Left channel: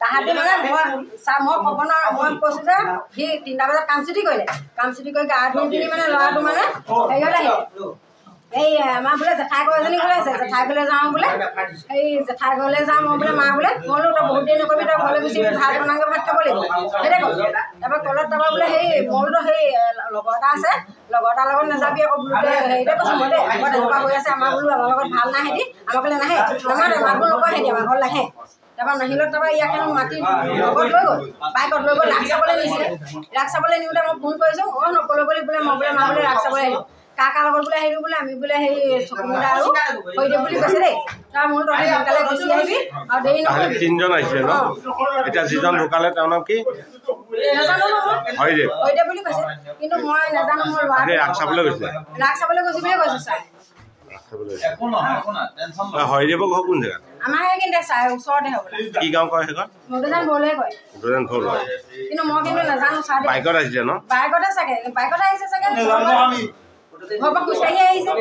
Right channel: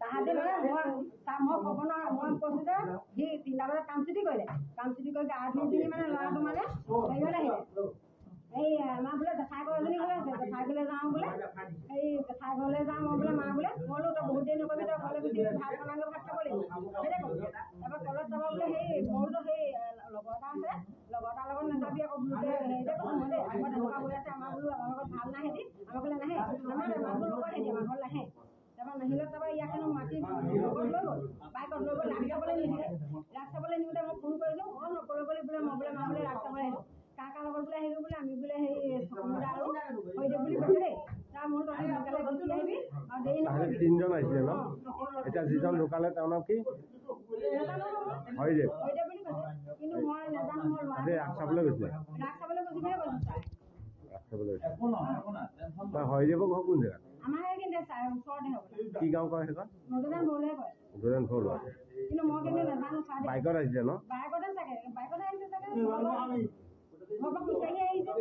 তাহাঁতি মানে মই ক'ব নোৱাৰোঁ মই কৈছোঁ যে সি 3টা বজাত কাম ছুটি কৰিলে কাম ছুটি কৰি গা ধুই পিনি মানে ল'ৰাটো মানে হেৰিয়ত আহিলে এই আমাৰ বোলে জেঠাই ঘৰ এজনী ঘৰলৈ আছে জেঠাই ঘৰলৈ যাওঁ বোলে এই জেঠাই ঘৰলৈ যাওঁ মই বোলে মা বোলে মই বোলো তই বহুত দেৰি নকৰিবি তই ঘৰলৈ গুচি ভাত বনাওঁগৈ ভাত খাব লাগিব সেইটোৱে ক'লো তাৰপৰা তলত তাৰপৰা বোলে সেই মই বোলো সেই লগৰ এটা আছে লগৰ এটাৰ লগত নাযাবি আকৌ বোলো হেৰিতে কৈছোঁ মই দেই আকৌ তেনেকুৱা হৈ আছে আমাৰ বোলো আমাৰ লগত ভাল নাই সিহঁতি আমাৰ ফালে নাহে আমাৰ মাতবোৰ নকয় সিহঁতি আমাৰ ঘৰত নাহে তাৰপৰা নাহিলত তাৰপৰা ইয়াক মাতি লগত লৈ গ'ল বাইকত লৈ গ'ল ৰাস চাবলৈ নিছিলে ৰাস চাবলৈ নিওঁতে মই ফোন কৰিছোঁ নক'লো বুলি বোলে মই বোলে মা বোলে ৰাস চাবলৈ আহিলোঁ কাৰ লগত বোলে আহিলোঁ বোলে আমি বোলে সেই চকুমুদা আৰু হৰিদেৱ বুলি কৈছে দেই তাৰ মোৰ তহঁতি সোনকালে গুচি আহিবি আৰু দেৰি নকৰিবি 3জন আহিছিলে ন এতিয়া যিজন ঢুকালে তেওঁৰ নাম কি নাজানো হৰিদেৱ বুলি কৈছে কিন্তু মই নাজানো মোৰ ল'ৰা ৰাস চাবলৈ গৈছে বুলি কৈছে ছাৰ হৰিদেৱৰ ঘৰ কোন জেগাত আমাৰ সেইখিনিতে চাই ওচৰতে হ'ব কি গাঁও কয় সেইখন মধুদান বৰলৈ কয় কিন্তু মই কিন্তু নাজানো ছাৰ বাইকত আহিছে ন বাইকতে চাগে বাইকতে আহিছে চাগে ঘৰৰ পৰা খোজকাঢ়ি আহিছে